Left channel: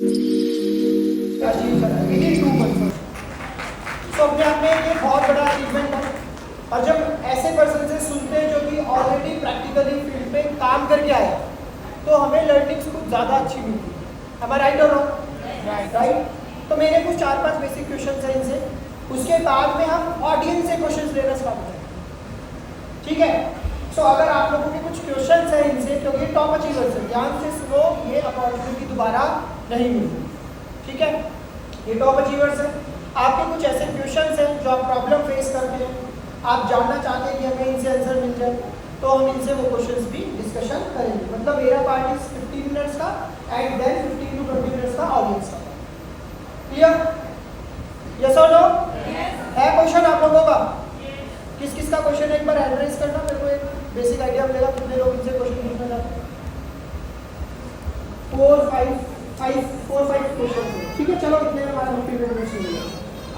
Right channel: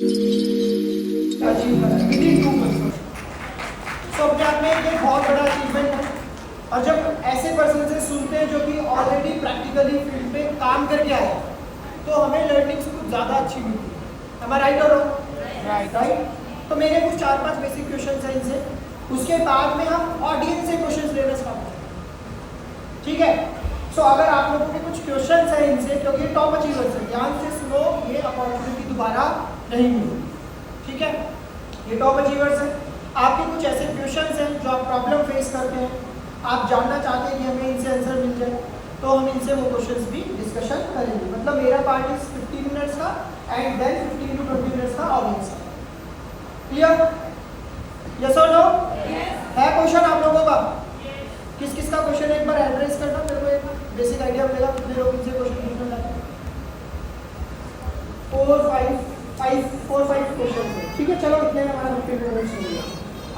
Achieve करा with in 2 months. तो अपने आप में ये बहुत बड़ा अचीवमेंट है। और जब ऐसे पर्सन से सुनते हैं जो कि ऑलरेडी प्रैक्टिकली फील्ड पे काम करके आए तो हमें लर्निंग्स कुछ ज़्यादा अच्छी मिलती है। हमारा राइट और रॉन्ग? राइट। तो मेरे कुछ 4-5 बेसिक क्वेश्चन हैं इनसे, उसके बाद में हम ऑडियंस से क्वेश्चन लेना स्टार्ट करें, ठीक है? सो अगर आप लोगों के कुछ क्वेश्चन हैं इनसे, क्योंकि टॉप अचीवर्स हैं, ध्यान से सुनो, ये अपॉर्चुनिटी दोबारा नहीं मिलती, ठीक है? ये टॉप अचीवर्स हैं। आपके कुछ ऐसे क्वेश्चंस हैं जो आप प्रॉब्लम फेस करते हैं, आप जानना चाहते हैं कि हमें इनसे आंसर मिल जाए, तो हम इनसे वो क्वेश्चंस भी डिस्कशन करेंगे। मतलब मेरा पार्ट इज 15 मिनट्स का एंड देन 15 to 20 मिनट्स का ऑडियंस का। क्लियर? यस और नो? है क्वेश्चन आप लोगों का? किस किस का क्वेश्चन है एक बार एड्रेस करना, मेरे को एक बेसिक आइडिया मिलेगा कितने लोग इनसे क्वेश्चन पूछना चाहते हैं। 4-5 क्वेश्चन है, ठीक है? चलो इतने में हमारा 15 मिनट्स हो गया।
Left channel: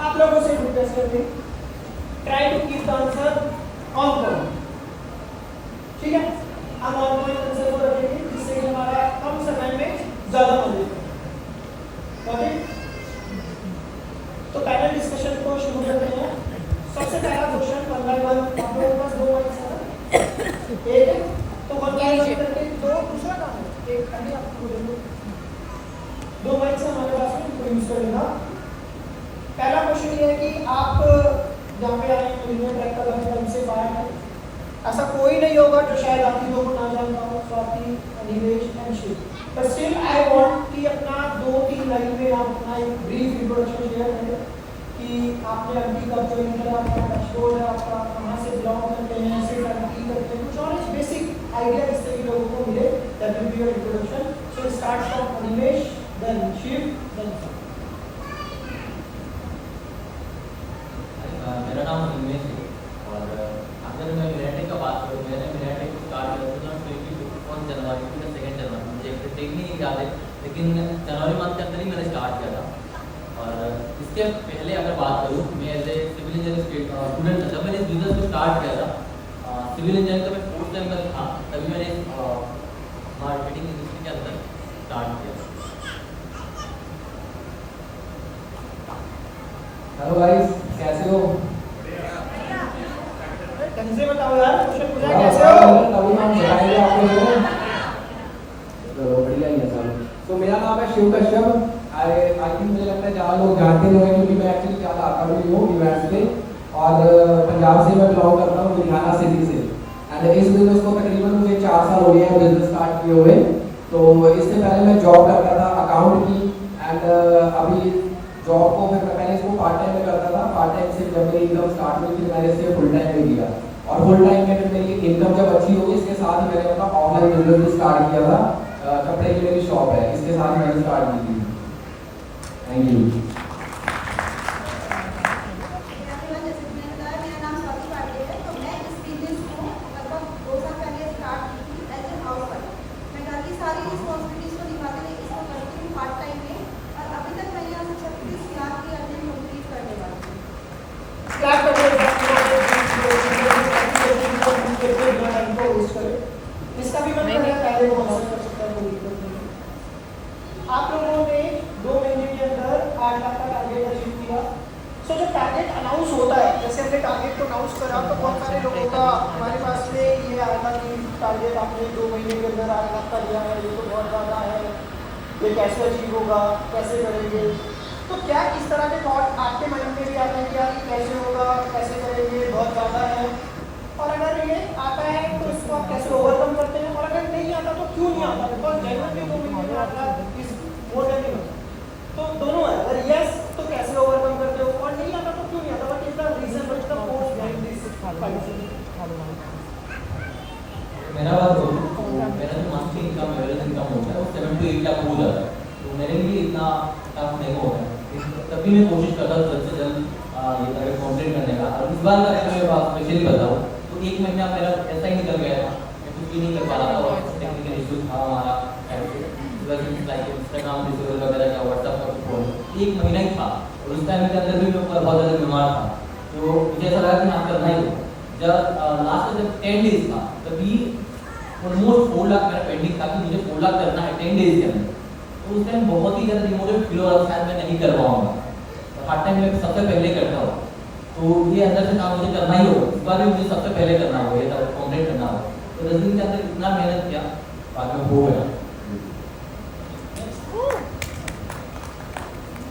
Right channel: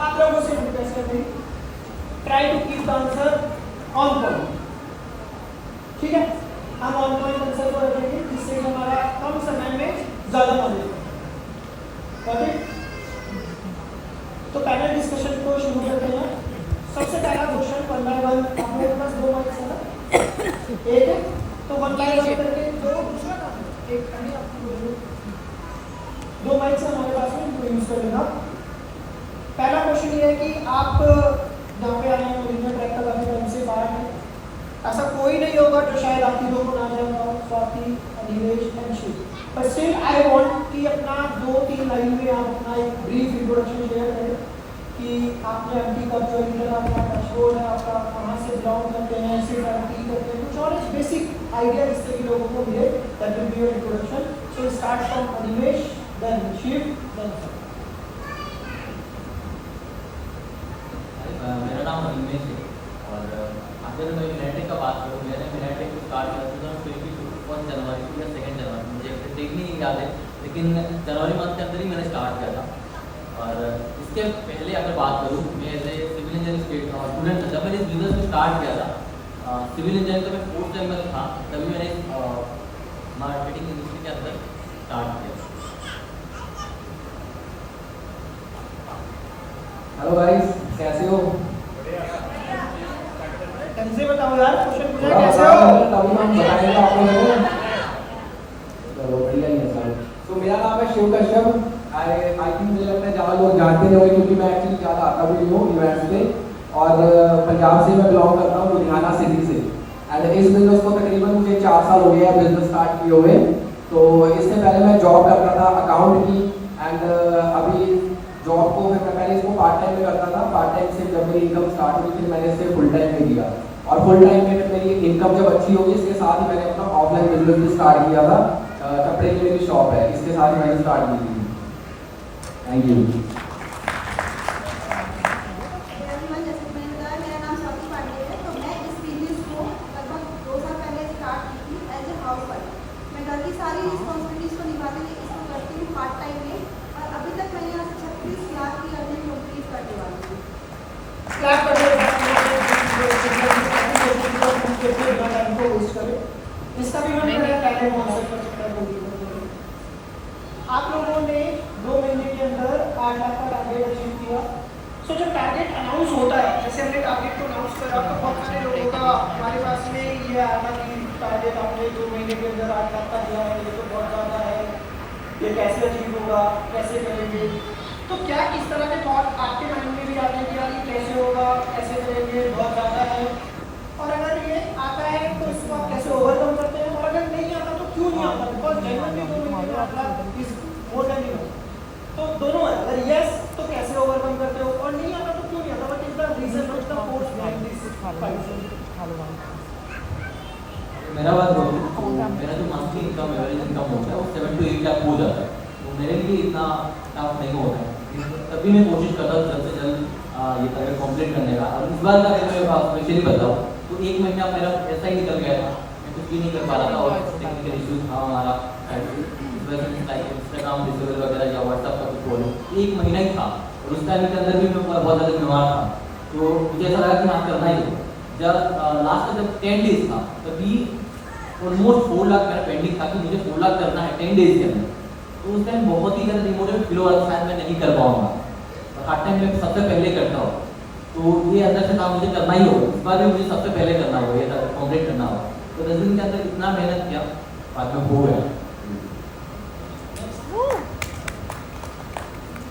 आप लोगों से रिक्वेस्ट करते हैं, try to keep the answer on point, ठीक है? हम ऑन पॉइंट आंसर को रखेंगे जिससे हमारा कम समय में ज्यादा नॉलेज हो। ओके, तो पैनल डिस्कशन को शुरू करते हैं। सबसे पहला क्वेश्चन 1 by 1, आप लोगों के पास 2 माइक्स है ना? एक है तो 1 by 1 करके दो, दूसरा काम है एक, अभी आपको बोलूं 2 माइक्स हमारे पास में, इनको यूज करेगा। पहला क्वेश्चन ये है कि आप यहाँ पे आए हैं, मिलने ट्रैक का काफी टाइम से बाहर है, ऐसा कोई नहीं होगा जो शायद आप लोगों को ना जानता हो, Swati, Animesh and Shiv, but still I want कि अपना 2-3 लाइन में आप अपना एक ब्रीफ इंट्रोडक्शन शेयर करें कि आपने एमपी का ज्वाइन किया, आपका डैशबोर्ड है, आपका कहाँ से बिलोंग करते हैं, सिर्फ एमपी करते हैं, कुछ और बेसिक आइडिया जिससे कि लोगों को मिले, that will be your introduction. So start from Animesh, then Shiv, then मेरा नाम अनिमेश है और अगर मैं मिनेटिक का बात करूँ, मैंने मिनेटिक को स्टार्ट किया था 21 जनवरी या 2 जनवरी, मुझे एग्जैक्ट नहीं याद है, लेकिन जनवरी मंथ के अंदर ही मैंने स्टार्ट किया था। और इसके पहले अगर बात करूँ, मैं as a civil engineering student था। जब मैंने इस बिजनेस को स्टार्ट किया था सिविल इंजीनियरिंग का मैं 4th टाइम में था, तभी मैंने मार्केटिंग इंडस्ट्री के अंदर स्टार्ट किया। हेलो गाइस, कैसे हो? ढंग से बताओ यार, क्वेश्चन पूछा कैसे हो? तभी हम बताएंगे आपको लोगों। चलो बढ़िया ही है सर। तो मेरा नाम है शिव कश्यप। आई थिंक मुझे लगता है ज़्यादा लोग जानते होंगे क्योंकि मैं एक्चुअली ज़्यादा आता भी हूँ इवेंट्स पे, और पंजाब से मैं बिलोंग करता हूँ, लुधियाना सिटी से। एंड इस बिजनेस को तकरीबन मुझे 4 साल हो गए हैं बिजनेस स्टार्ट किए हुए। तो इससे पहले मैं जॉब करता था अकाउंट की, एंड अभी जॉब को फिर मैं पहले इसको पार्ट टाइम में करता था। पार्ट टाइम से जब मेरी इनकम स्टार्ट हुई फिर मैंने इसे फुल टाइम में किया, और फुल टाइम में फिर मेरी इनकम जब अच्छी होगी इसके साथ ही मैंने अपना ऑफलाइन बिजनेस भी स्टार्ट किया था। कपड़े की मेरी शॉप है, इसके साथ ही मैंने स्टार्ट की थी। Thank you. मेरा नाम स्वाति पांडे है। तो मैं इस बिजनेस को लगभग 2 साल पहले स्टार्ट की थी एज ए हाउसवाइफ। मैं घर की सारी रिस्पॉन्सिबिलिटीज को निभाते हुए इसको करती हूँ पार्ट टाइम में, और अभी तक मैं यहाँ से 36 लाख की अर्निंग कंप्लीट करने वाली हूँ। इसका भी मैंने पहले आप लोगों ने 2 महीने के अंदर 8 लाख का टारगेट अचीव किया। सो जब टारगेट अनाउंस होता है, जैसे हमने टारगेट को अनाउंस करा तो बहुत सारे लोगों का हमारे पास में ये आया था कि टारगेट आपने 2 महीने के अंदर 8 लाख का दिया है, ये तो बहुत ज़्यादा है, ये कैसे अचीव होगा, कैसे करेंगे? तो क्या इस तरह के थॉट आपके माइंड में भी आते हैं कि यार ये कैसे होगा, कैसे करेंगे, बहुत ज़्यादा है? और अगर ये आता है तो इसको आप कैसे ओवरकम करते हैं, और अगर नहीं आता तो क्यों नहीं आता? बिकॉज जेन्युइनली 2 महीने में आता इज मोर देन इनफ। तो दोनों है, अगर यस तो कैसे ओवरकम करते हो, और नहीं आता तो क्यों नहीं आता? What is the reason, what is the force behind this fight? मेरा बात बोलूँ तो मेरा जो मंथली इनकम एवरेज इनकम होता है वो 7 to 8 लाख हो जाता है, तो मेरे लिए इतना टफ नहीं होता है। तभी मैं कोशिश करता हूँ जल्द से जल्द ये टारगेट कंप्लीट करने का। और इस बार का अगर मैं बात स्पेशली बताऊँ तो 1 महीना मेरा ऐसा ही निकल गया था, मैं कुछ भी नहीं कर पा रहा था, और टेक्निकल इश्यूज था हमारा, लाइक इंस्टाग्राम डिसेबल वगैरह या व्हाट्सएप का फोन, 1 महीना ही था, और उस टाइम के अंदर भी मैं बहुत ज़्यादा बीमार था। तो मुझे ऐसा लगा कि हाँ करना ही हो। जब लास्ट का जब 10 डेज था तभी ऑलमोस्ट 4 लाख मेरा पेंडिंग था कि मुझे 4 लाख करना है 10 डेज के अंदर। तो उस टाइम बहुत ही ज़्यादा डिमोटिवेट फील हो रहा था, शायद मैं नहीं कर पाऊंगा, और हर टाइम मैं सबसे पहले करता हूँ। तो ये अंदर से काम मुझे करना ही होगा, इस बार भी मुझे सबसे पहले करना होगा, ये कंप्लीट करना होगा। तो 10 दिन के अंदर इतना मेहनत किया, बाद में हो गया।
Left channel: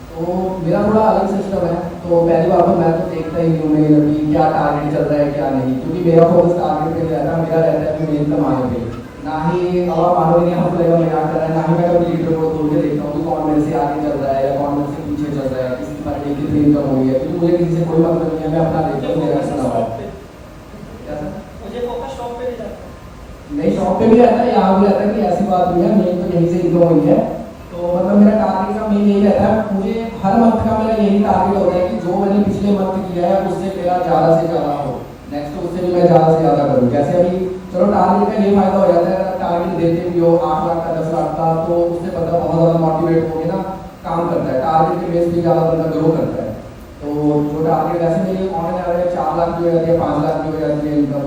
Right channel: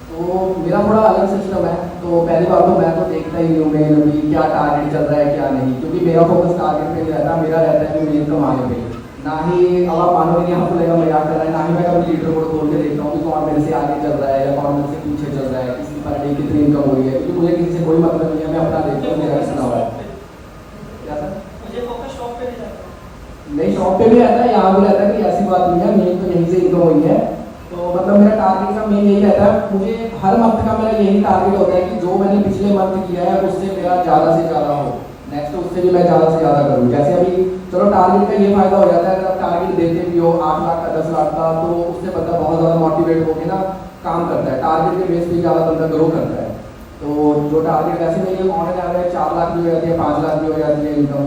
तो मेरा थोड़ा अलग सिस्टम है। तो पहली बात तो मैं तो देखता ही नहीं हूँ मेरे अभी क्या टारगेट चल रहा है क्या नहीं, क्योंकि मेरा फोकस टारगेट पे नहीं रहता, मेरा रहता है कि मेन कमाने पे। ना ही अब आप मानोगे नहीं, हम लोग मजाक कर रहे हैं, ना ही मैं कभी लीडर को खोल के देखता हूँ कि कौन मेरे से आगे चल रहा है या कौन मेरे से पीछे चल रहा है, किसकी पर डे कितनी इनकम हो रही है, क्योंकि मुझे किसी से कोई मतलब नहीं है, मैं अपना देखता हूँ, मेरा सुना हुआ है। क्या सर? मुझे फोकस शॉप पे नहीं जाता। नहीं, शॉप पे भी रहता है, यहाँ भी रहता है कि ऐसी बात नहीं है, मेन तो यहीं से इनकम हुई है। तो मतलब मेरा टारगेट का मेन यही रहता है, मुझे हर मंथ का मेरा यही टारगेट होता है कि जो मैंने पिछले मंथ किया है उससे मेरा ज़्यादा से ज़्यादा हो, नेक्स्ट उससे भी मैं ज़्यादा से ज़्यादा करूँ। जैसे अभी चलो टारगेट का ये फायदा हो जाता है, अगर आप टारगेट देते भी हो 8 लाख का 10 लाख का, तो उससे बंदा बहुत ज़्यादा मोटिवेट होकर ना काम करता है, टारगेट के बेस पे ज़्यादा बंदा ग्रो करता है। तो जो टारगेट वैसे मेरी ऑन एन एवरेज 4 लाख भी हो जाती है, 5 लाख भी हो जाती है इनकम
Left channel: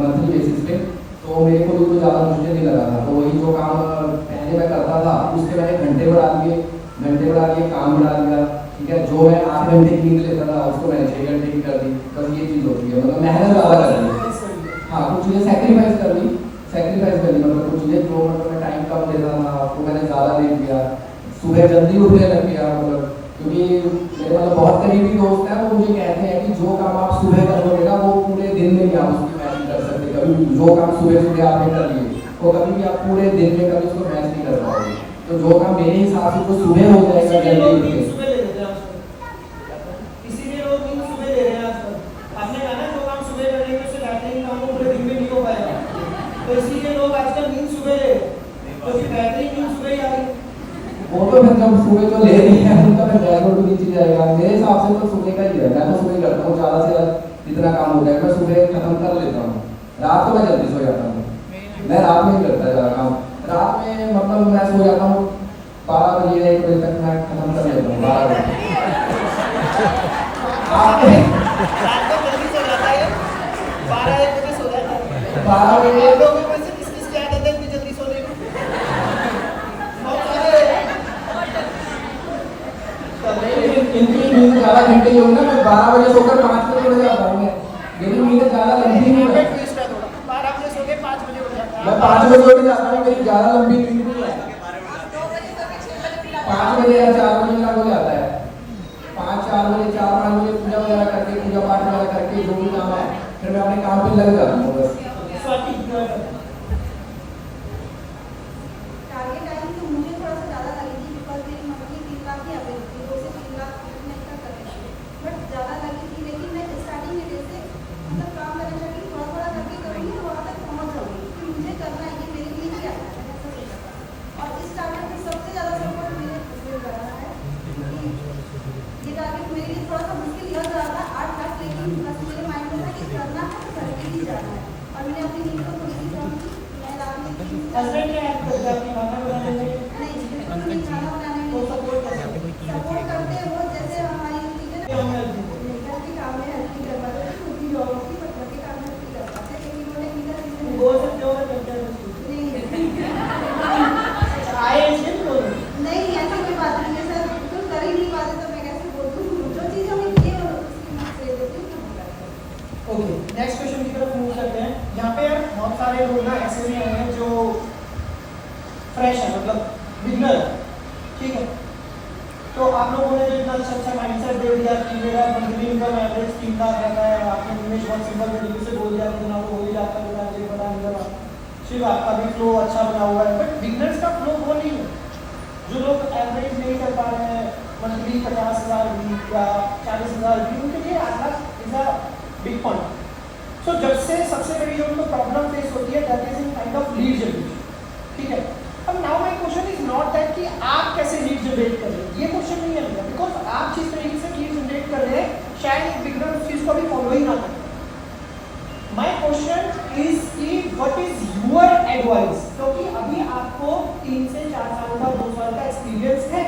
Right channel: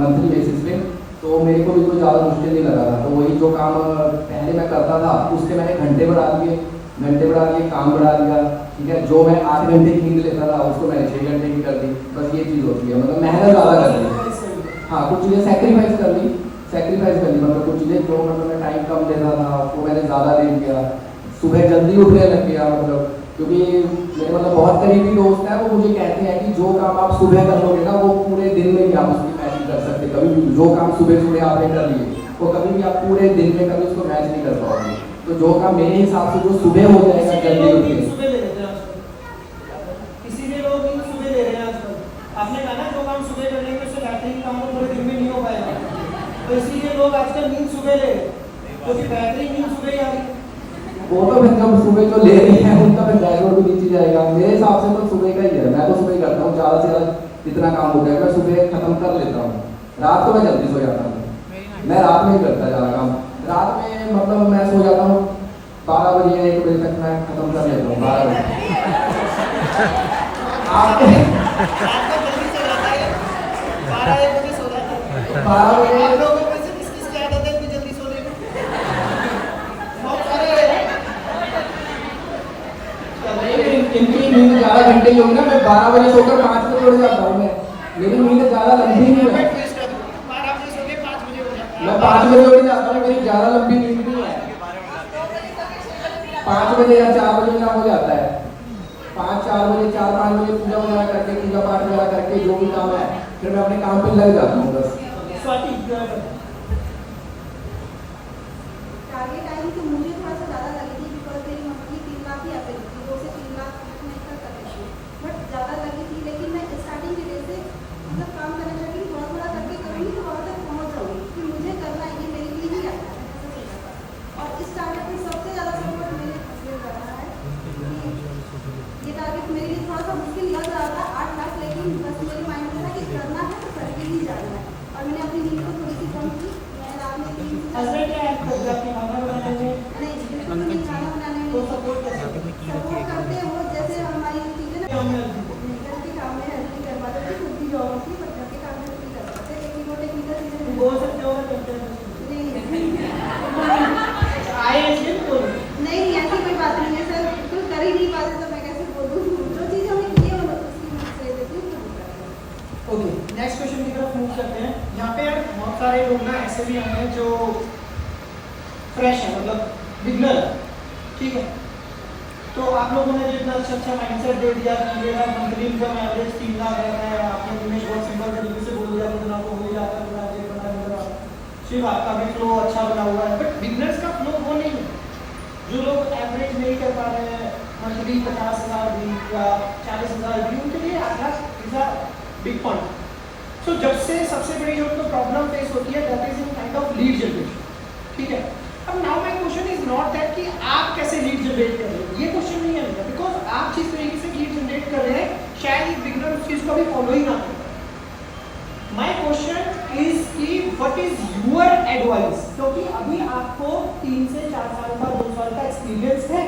मंथली बेसिस पे, तो मेरे को बिल्कुल ज़्यादा मुश्किल नहीं लगा था। तो वही जो काम पहले मैं करता था उसके मैंने घंटे बढ़ा दिए, काम बढ़ा दिया, ठीक है। जो मैं 8 घंटे की नींद लेता था उसको मैंने 6 घंटे की कर दी। बस ये चीज़ होती है, मतलब मेहनत ज़्यादा कर दी। हाँ, कुछ चीज़ें सेक्रीफाइस कर दी, मतलब कुछ चीज़ें जो मतलब मैं टाइम कम देता था वो मैंने ज़्यादा दे दिया। सुबह जल्दी उठने लग गया, मतलब क्योंकि मेरे मतलब बहुत करीबी दोस्त हैं, वो मुझे कहते हैं कि जो काम आप सुबह करोगे ना वो पूरे दिन में भी आप उसकी मैच नहीं कर सकते। कभी जो काम सुबह आपने कर लिए वो कभी भी आप पूरे दिन में कभी उसको मैच नहीं कर पाओगे। तो जो काम मेरे हिसाब से जो सुबह हो जाएगा जल्दी उठ के, सुबह ले लेते हैं आजकल, इसीलिए लोग नींद सुबह ले रहे हैं आजकल। आपने कहा ना जो काम सुबह कर लेंगे उससे बेहतरीन काम तो पूरे दिन में नहीं हो पाएगा, तो इसीलिए लोग आजकल नींद सुबह ले रहे हैं, क्योंकि बेहतरीन नींद सुबह ही आ रही है। वो तो फिर जब सुबह जो ले रही है उनका फिर बैकग्राउंड भी नीचे जाएगा। मेरे हिसाब से तो सुबह का ही है, मैं तो सुबह ही करता हूँ, ज़्यादा से ज़्यादा जितना काम होता है मैं सुबह खत्म कर लेता हूँ। रात को मैं जल्दी सो जाता हूँ, मैं रात में ही करता ज़्यादा काम। रात में मतलब मैं सो जाता हूँ 12 बजे या 1 बजे तक मैं खत्म कर लेता हूँ, 12 बजे। आपके रात को जल्दी सो जाता है, 12-1 बजे सो जाता है। 12 बजे आप लोगों में से किस-किस की आदत है इतनी जल्दी सोने की? बहुत सारे हैं। इनकी नींद 11 घंटे की होगी ना, मैं 12 बजे सोकर 5 बजे उठ जाता हूँ। मेरी नींद ज़्यादा लंबी नहीं है, ट्विस्ट है थोड़ा। 12 बजे सो के 5 बजे उठ जाता है। मैं 5 बजे उठ जाता हूँ, मेरी ज़्यादा लंबी नींद नहीं है। 5 बजे या 4 बजे का हो जाता है, 4-5 बजे पूजा वगैरह करके, पूजा पाठ वगैरह करके जो भी काम है फिर मैं अपने काम पे लग जाता हूँ बस। स्वाति टारगेट टाइम तो मुझे थोड़ा सा ज़्यादा लगी थी, बिकॉज मेरी मंथली 3 लाख ही अवेलेबल थी, 2 से 3 लाख मैं इतना कर रही थी, बट ज़्यादा लगी थी। लेकिन मैं स्टार्टिंग में जैसे मतलब काम करना चाहती हूँ, थोड़ा थोड़ा करके करूँगी तो वहाँ तक पहुँच जाऊँगी कि मुझे करना है, ये मेरे लिए ही आता है, ऐसा सोचा था। और इस टारगेट में सबसे ज़्यादा सपोर्ट मेरे हस्बैंड कर रहा है कि ये टारगेट मेरे लिए थोड़ा सा मुश्किल लग रहा था 8 लाख, लेकिन बस मेरे माइंड में था कि करना है तो करके ही जाना है। और मैंने अपनी नींद को थोड़ी सी कम की, मैं रात में 3 से 4 हस्बैंड क्या हेल्प करते हैं आपकी खाना बनाने में? नहीं, बिल्कुल नहीं, खाना बनाने में तो सपोर्ट कैसे? सपोर्ट करते हैं वो। जैसे हमारी चीज़ें क्या मैं घर के काम में हेल्प नहीं कर पाते थे, खुद की जॉब थी, पर घर के काम में हेल्प नहीं कर पाते, लेकिन वो टेक्निकल चीज़ें बोल सकते हो मैं करते हैं नहीं आए इसलिए बोल रही हूँ। नहीं, ऐसी कोई बात नहीं है सर, कुछ कर ही नहीं पाते तो मैं कैसे बोल दूँ। जो चीज़ हमें की है वो उसकी मैं दे देती हूँ, तो वो कर रहे हैं। ओके, नेक्स्ट क्वेश्चन की तरफ मूव करते हैं। यहाँ पे बहुत सारे लोग ना ऐसे भी हैं जो फ्रेश है, मतलब बिगनर, ठीक है। तो आप लोगों ने जो इतना अच्छा माइंडसेट दे दिया कि मेरा मंथली इनकम एवरेज 3 लाख रहता है, आपने दिनेश बहुत सिंपल तरीके से बोल दिया कि आपको हो ही जाता है, बना ये बना ये बना, सिर्फ आपका भी फ्लो अच्छा बना हुआ है। बट बिगनर्स का फ्लो वो नहीं है। जो लोग एवरेज नहीं कर पा रहे हैं, मंथली 50,000 भी या 40,000 भी, उनके लिए 8 lakh is a big point. So जब से सबसे बड़ी जो उनको प्रॉब्लम फेस होती है that is in kind of lead generation, ठीक है। अब now my question is not that कि आप कैसे लीड जनरेट कर रहे हैं, ये क्वेश्चन नहीं है, बिकॉज आप जिस तरीके से लीड जनरेट कर रहे हैं शायद एक बिगनर उस चीज को भी फॉलो ही ना करें। माय क्वेश्चन इज कि व्हाट इज योर एडवाइस, क्योंकि अभी आपको 3 से 4 साल का 2 साल का एक्सपीरियंस है।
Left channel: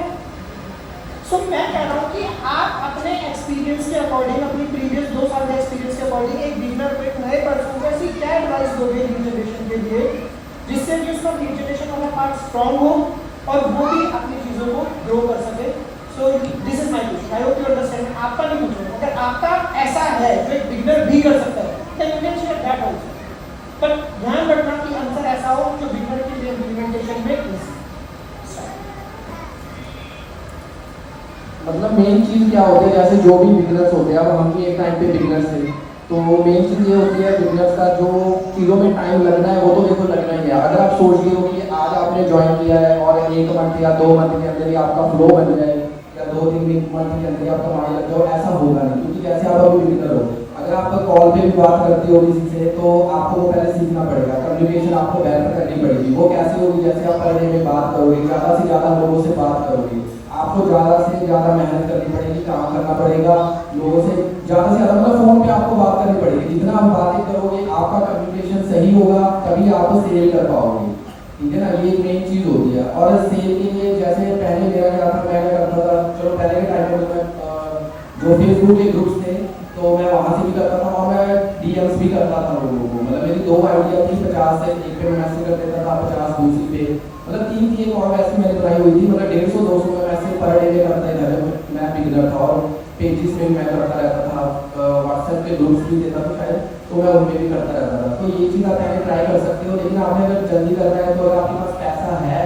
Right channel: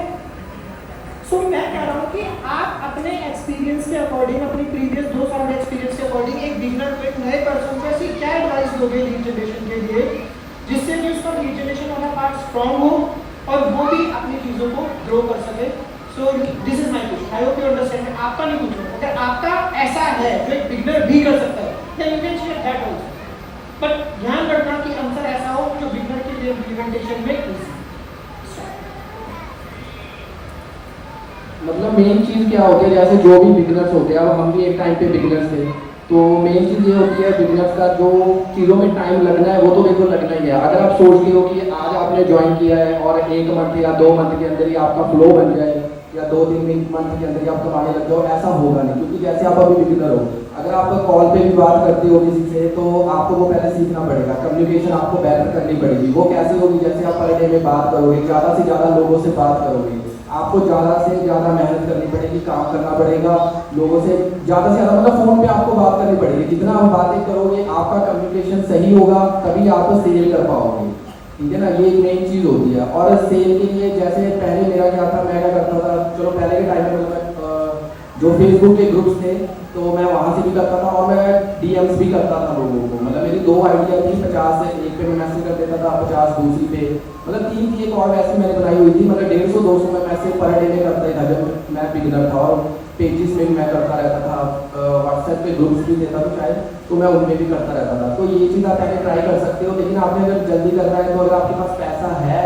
सो मैं कह रहा हूँ कि आप अपने एक्सपीरियंस के अकॉर्डिंग, अपनी प्रीवियस 2 साल के एक्सपीरियंस के अकॉर्डिंग एक बिगनर को, एक नए पर्सन को ऐसी क्या एडवाइस दोगे लीड जनरेशन के लिए, जिससे कि उसका लीड जनरेशन वाला पार्ट स्ट्रॉन्ग हो और वो भी है जो एक बिगनर भी कर सकता है, then you can share that also. But ध्यान रखना कि आंसर ऐसा हो जो बिगनर के लिए इम्प्लीमेंटेशन में easy. मतलब मेन चीज़ क्या होती है, जैसे जो भी बिगनर्स होते हैं, अब हम भी एक टाइम पे बिगनर्स थे, तो मेन चीज़ ये होती है बिगनर्स का जो चीज़ों में टाइम लगना है वो तो देखो लगना ही है। अगर आप सोचते हो कि आज आपने ज्वाइन किया है और 1 मंथ या 2 मंथ के अंदर ही आपका फ्लो बन जाए या 2-3 मंथ के अंदर ही आप कमाने लग जाओ, ऐसा होगा नहीं। क्योंकि जैसे आप अभी बिगनर हो, अगर आप कॉल पे भी बात करते हो किसी से तो आपको वो पहले सीखना पड़ेगा, कम्युनिकेशन आपको बेहतर करनी पड़ेगी। वो कैसे होगी, जैसे आप पर डे में बात करोगे, ज़्यादा से ज़्यादा लोगों से बात करोगे, आपको ज़्यादा से ज़्यादा मेहनत करनी पड़ेगी, काम करना पड़ेगा, लोगों से ज़्यादा से ज़्यादा मतलब फ़ोन पे आपको बात करनी पड़ेगी। जितना आप बातें करोगे, आपका कम्युनिकेशन सही होगा, तभी आप सेल कर पाओगे। ठीक है ना, ये एक मेन चीज़ होती है। और सेल के लिए जैसे पहले मेरा क्या था, मैं क्या करता था, चलो पहले के टाइम में तो मैं जो फेसबुक के ग्रुप्स थे तो मैं वहाँ से भी करता था और मैं डीएम्स भी करता था लोगों को। मतलब मेरी 2 आइडिया थी, 50 से एक पे मैं मैसेज कर देता था, 50 दूसरी पे, मतलब 3 थी। एक और वैसे मैंने बनाई हुई थी, मतलब 150-200 में मैसेज पर डे में करते था जब मैं बिगनर था। और पेजेस में मैं करता रहता था, व्हाट्सएप पे ग्रुप्स भी देता था शायद, तो मैं उनमें भी करता रहता था। तो ये चीज़ आप पहले ट्राई कर सकते हो, लेकिन आपने अगर जल्दी करना है तो अगर आपके पास पैसा है,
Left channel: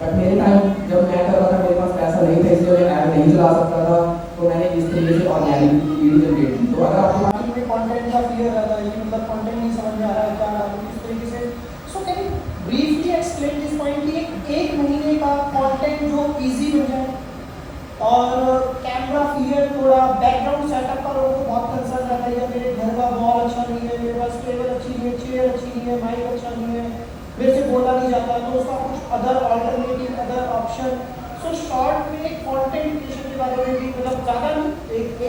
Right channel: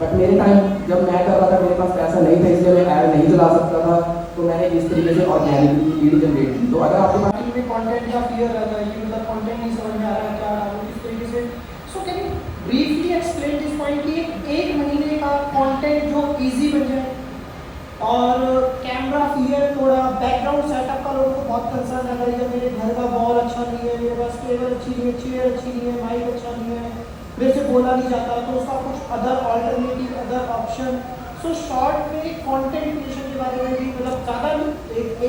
बट मेरे टाइम जब मैं कर रहा था मेरे पास पैसा नहीं था, इसलिए मैं ऐड नहीं चला सकता था, तो मैंने इस तरीके से ऑर्गेनिक लीड जनरेट की। तो अगर आपके पास कंटेंट का क्लियर रहता है कि मतलब कंटेंट नहीं समझ में आ रहा है क्या डालूं इस तरीके से, so can you briefly explain this point कि 1 महीने का कंटेंट जो इजी बन जाए। और कैमरा क्लियर, थोड़ा बैकग्राउंड सेटअप का लोगों को बहुत कंसर्न रहता है, मेरे घर का बॉल अच्छा नहीं है, मेरे पास टेबल अच्छी नहीं है, चेयर अच्छी नहीं है, माइक अच्छा नहीं है, मेरे से बोला नहीं जाता, तो उसका कुछ other alternative, other option. So short में कंटेंट क्रिएशन के बारे में भी मतलब ज़्यादा नहीं,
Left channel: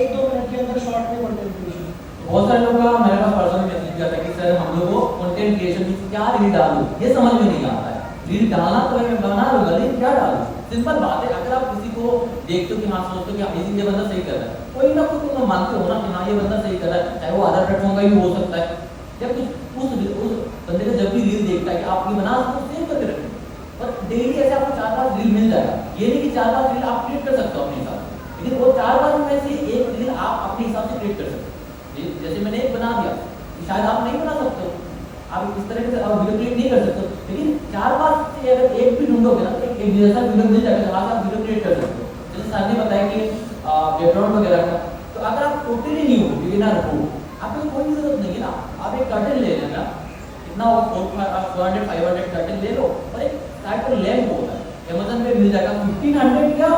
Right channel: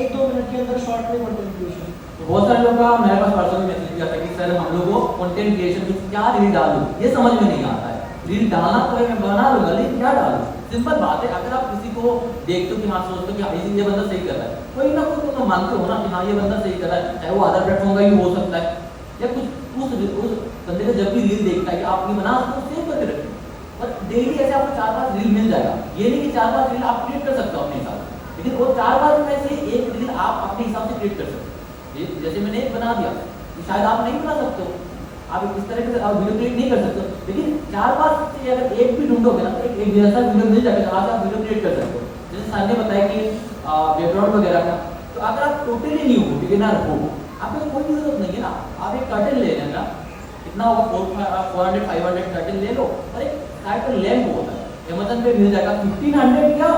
1-2 मिनट के अंदर शॉर्ट में कंटेंट क्रिएशन। बहुत सारे लोग का मेरे पास पर्सनली मैसेज किया था कि सर हम लोग को कंटेंट क्रिएशन में क्या रील डालूं, ये समझ में नहीं आता है। रील डालना तो मैं बना लूंगा, लेकिन क्या डालूं? सिंपल बात है, अगर आप किसी को देखते हो कि हाँ सोचते हो कि हाँ ये बंदा सही कर रहा है, कोई ना कोई तो मानते हो ना कि हाँ ये बंदा सही कर रहा है, चाहे वो अदर प्लेटफॉर्म का भी हो सकता है, या कुछ उस बंदे को जब भी रील देखता है कि आप ये बना तो सेव करके रखें। पर डेली ऐसे आपको 4-5 रील मिल जाएगा, ये नहीं कि 4-5 रील आप क्रिएट कर सकते हो अपने हिसाब से, लेकिन वो 4-5 में से एक रील आप अपने हिसाब से क्रिएट कर सकते हो। जैसे मैंने एक बना दिया, शायद आप नहीं बना सकते हो, आप इस तरह से आप वीडियो क्रिएट नहीं कर सकते हो, लेकिन 4-5 से अगर एक भी ढूंढोगे ना तो एक जैसा वीडियो मिल जाएगा जहाँ से आप वीडियो क्रिएट कर सकते हो। जैसे सर ने बताया कि बैकग्राउंड वगैरह का, तो अगर आप टोटली न्यू हो, बिगिनर हो, आपको कोई जरूरत नहीं है ना, आप एक कर्टन ले लेना, इतना 400-500 कर्टन ले लो, और एक साइड पर लैंप होता है अमेज़न पे मिल जाएगा 1500 या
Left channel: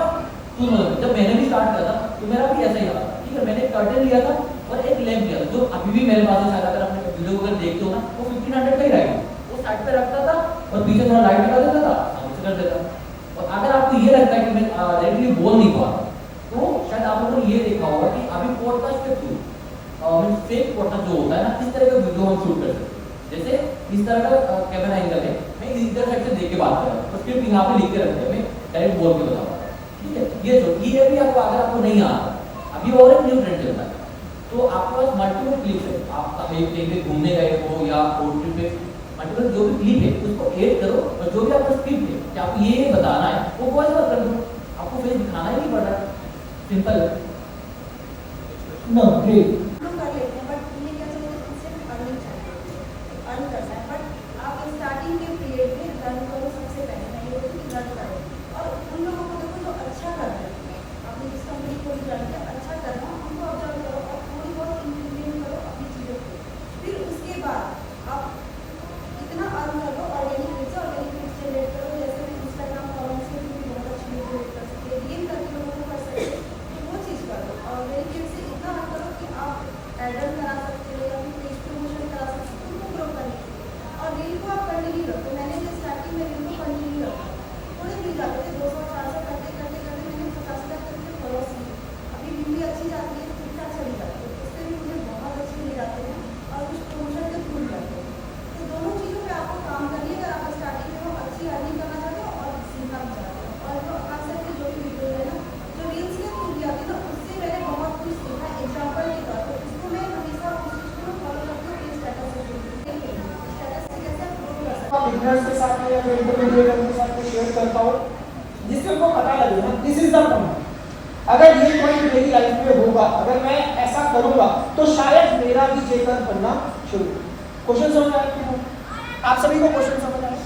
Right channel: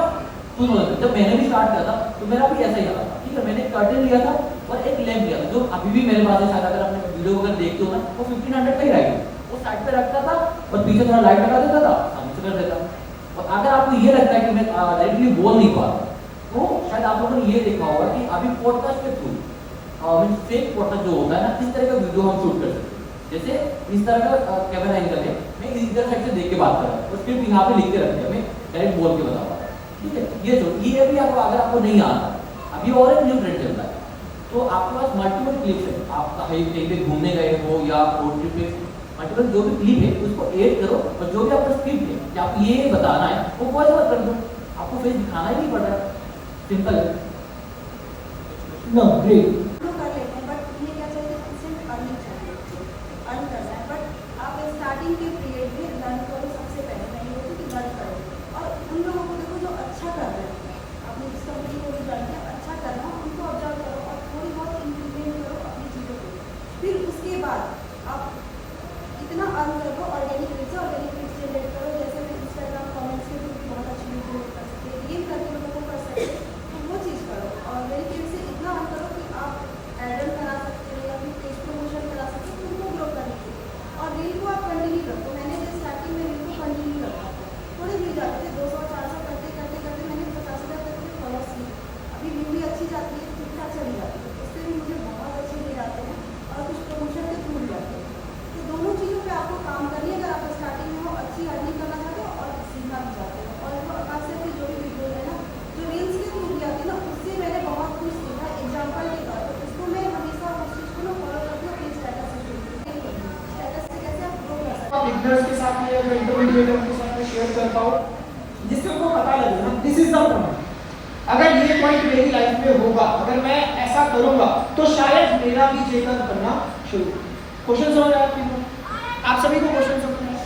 2000। जब मैंने भी स्टार्ट किया था तो मेरा भी ऐसा ही था, ठीक है, मैंने एक कर्टन लिया था और एक लैंप लिया था, जो अभी भी मेरे पास है। शायद अगर आपने वीडियो अगर देखते हो ना वो 1500 का ही रहेगा, वो साइड पे रखता था और पीछे थोड़ा लाइट लगा देता था, सामने से कर देता। और अगर आपको ये लगता है कि मैं डायरेक्टली बोल नहीं पाता, तो शायद आप लोगों ने ये देखा होगा कि अभी पॉडकास्ट के थ्रू फेक पॉडकास्ट जो होता है ना, इस तरह का वीडियो हम शूट कर सकते हैं। जैसे इस तरह का कैमरा एंगल है, मैं इधर साइड से देख के बात कर रहा हूँ, स्क्रिप्ट यहाँ पे लिख के रखते हैं, मैं डायरेक्ट बोल के बता रहा हूँ, ठीक है। ये भी आपको अगर आपको नहीं आता, अभी और एक न्यू ट्रेंड चलता है, तो आपके पास मल्टीपल क्लिप्स है, आप कहीं पे घूमने गए हो या रोड ट्रिप पे, मल्टीपल जो भी क्लिप है उसको एड करो, और जो भी आपका स्क्रिप्ट है कि आपको ये बताना है वो वॉइस ओवर कर दो, आपको फेस दिखाना ही नहीं पड़ रहा, सिंपल है। No great. लोग कर लेते हैं, बट ये क्या चाहिए, सिर्फ अर्निंग चाहिए, अर्न करना है। बट आप स्टार्टिंग के पीरियड में लर्न करो, सबसे पहले मैं ये बोलती हूँ कि लर्न करो, और उन लोगों को देखो जो अच्छा कर रहे हैं, अपनी जिस कंपनी को भी ज्वाइन किया अच्छा करना, उनको ऑब्जर्व करो और थोड़ी बहुत इम्प्लीमेंट करो अपनी चीज़ों को। फिर उसके बाद आप इतना अर्न करो, ऑर्गेनिक रीच जनरेट करो, जैसे मैं इंस्टाग्राम कमेंट्स में भी बहुत अच्छी वीडियो कर सकते हैं, गेम करके लोगों को कर सकते हैं, तो वो चीज़ करो। और मेरी टीम से इतना अर्न करो कि आप एडल करा सकते हो या फिर पेज प्रमोशन करा सकते हो, उनको ग्रो करने के लिए। और रील को आप कंटिन्यू रखो, मैंने जो स्टार्टिंग में रील को कंटिन्यू रखा, थोड़े व्यू जाते थे, 200-400 करते करते करते मैंने 50,000 तक के फॉलोअर्स लिए। अभी व्यू भी अच्छी जाती है, ठीक ठाक चली जाती है, उससे भी मुझे बहुत अच्छे मिल जाते हैं और कुछ प्रमोशन के थ्रू जाते हैं। तो दोनों चीज़ों पे आपको काम करिए, अगर आप स्टार्टिंग में हो अच्छी अर्निंग करना चाहते हो और सीखना भी चाहते हो। और जो खास करके जो भी वीडियो है ना, जो रील्स के थ्रू भी आती है ना, उससे मैंने बहुत कुछ सीखा। एग्जाम्पल के तौर पर उसको मैं हमेशा उस चीज़ को फॉलो करती हूँ, अपने स्टेटस से कैसे आप ग्रो कर सकते हो। बिगनर्स के साथ में या इंटरमीडिएट के साथ में शेयर करता हूँ, जिससे उनको पता लगे ना दिस इज द पॉइंट। अगर ये पॉइंट मेरी लाइफ में होगा, अगर मैं ऐसा ऐसा करूंगा तो शायद मेरा भी जे का बनना शुरू हो। क्वेश्चन समझ आया कि नहीं? आप सभी को क्वेश्चन समझ आया?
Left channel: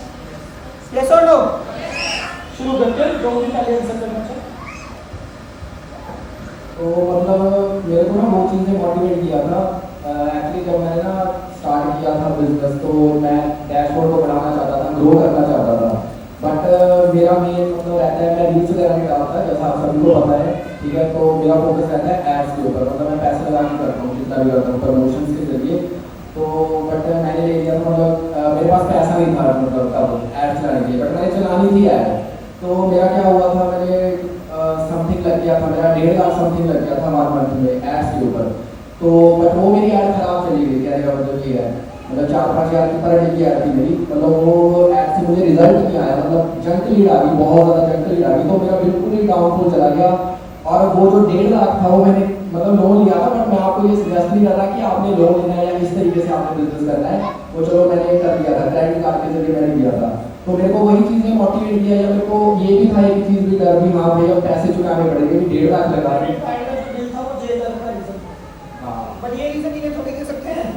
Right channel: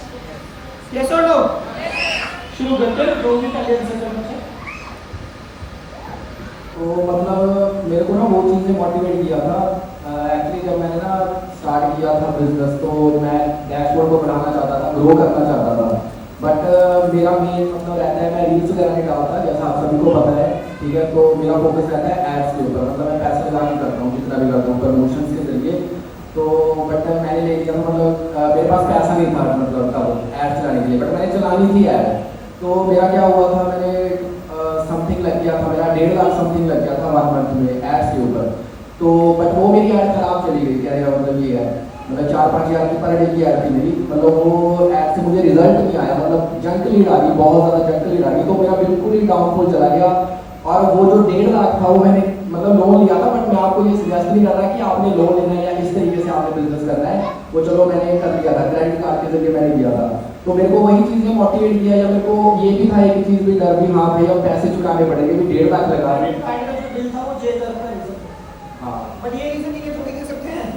यस और नो? शुरू करते हैं, जो भी पहले आंसर करना चाहिए। तो मतलब मेरे को ना वो चीज़ ने मोटिवेट किया था। एक्चुअली जब मैंने ना स्टार्ट किया था बिजनेस तो मैं डैशबोर्ड को बढ़ाना चाहता था, ग्रो करना चाहता था। बट मेरा मेन मतलब रहता है, मैं रील्स वगैरह नहीं डालता जैसा आप सभी को पता है, ठीक है। तो मेरा फोकस रहता है एड्स के ऊपर, मतलब मैं पैसा लगा के करता हूँ, जितना भी करता हूँ प्रमोशन के जरिए। तो बट मैंने ले लिया, मतलब मेरे पास पैसा नहीं था मतलब तब एड चलाने के लिए, बट मैंने चलानी थी एड। तो मेरा क्या हुआ था, मैंने समथिंग लग गया था, मेरा 1.5 लाख समथिंग लग गया था 1 मंथ में एड्स के ऊपर। तो बट वो मेरी एड खराब चली गई थी, अरे मतलब ये है मतलब 4-5 हज़ार की पर डे की एड थी मेरी, मतलब वो एड से मुझे रिजल्ट नहीं आया, मतलब जंक लीड आ गई, बहुत ज़्यादा जंक लीड आ गई। तो मेरा बिल्कुल ही डाउनफॉल चला गया। और वो जो 1.5 लाख था वो मैंने मतलब लोन लिया था, बट मैं आपको ये सजेस्ट नहीं कर रहा कि आपने लोन लेना है या इस तरीके से आपने बिजनेस करना है। वो चलो मैंने कर दिया था, क्रेडिट कार्ड के जरिए मैंने किया था। तो मेरे को वही चीज़ ने मोटिवेट किया, या मेरे को ये भी था एक चीज़ भी डर भी, हाँ भैया पैसे चुकाने पड़ेंगे, 1.5 लाख लगा रहे बट ये रीजन ये थोड़ी दे सकते हैं।